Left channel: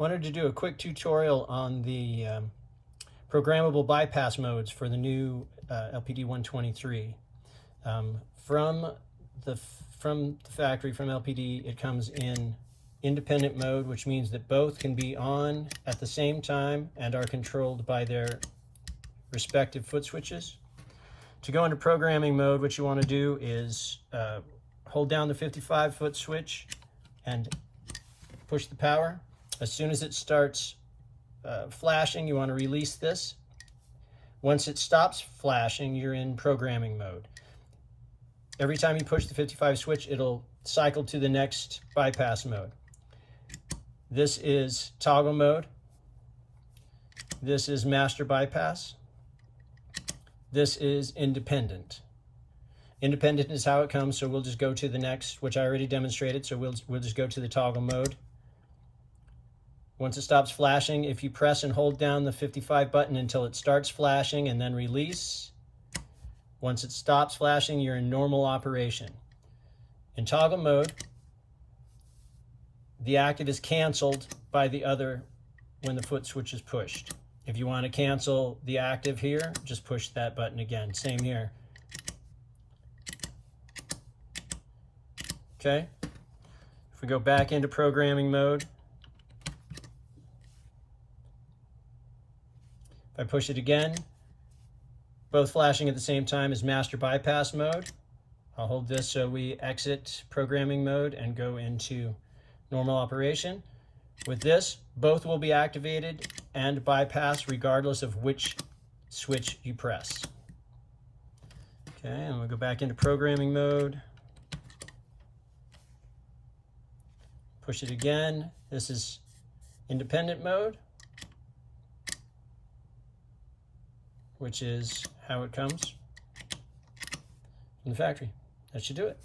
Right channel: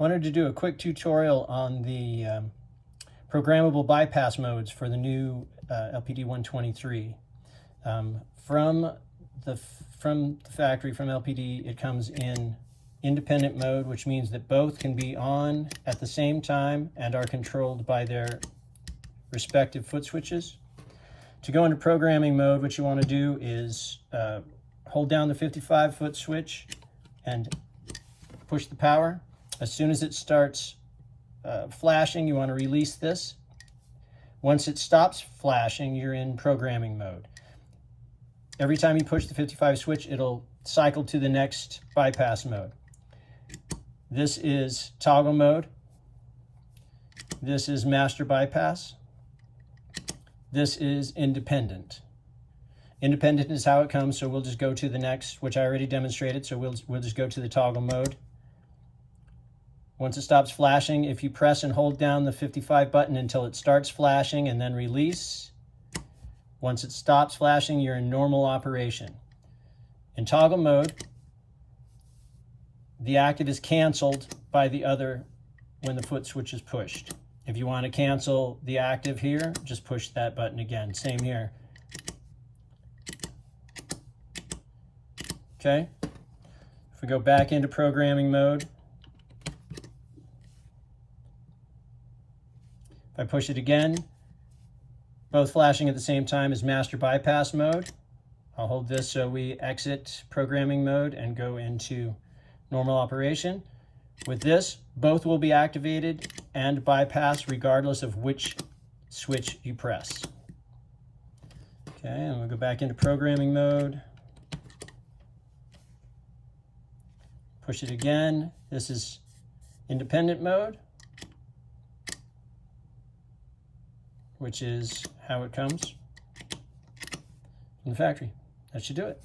Wanted to do a quick tutorial on the programmable bypass modes for the new LPD 120-3. From the factory, from LPD, it comes in independent mode, which means that both can be on at the same time and are controlled by their respective foot switches. To go into programming mode, what you want to do is hold down the 55-foot switch and push the power. As soon as it starts flashing, you want to release this. Once it stops flashing, you're in programming mode. Every time you push the 55 switch, it'll cycle to the next bypass mode. This is toggle mode. This is master bypass. This is independent. Independent is how it comes, so we'll just go to the next, which I already demonstrated, so we'll just go to the toggle mode. Once it stops flashing, if you press and hold down the 55 button until it starts flashing and then release, once it stops flashing, you're in normal operation. In toggle mode, the active is canceled by the other when the foot switch is pushed. If you want to cancel the active here, just push that button again. Same here. Okay. If we go back into programming mode, if I push it again, both flashing at the same time is master bypass mode. I'll hold this so we exit programming mode and go into normal operation. With this, both will be activated and bypassed regardless of which switch you press. Okay, and we'll go back into programming mode. Push it again. This is independent mode, which is how it comes from the factory. That should do it.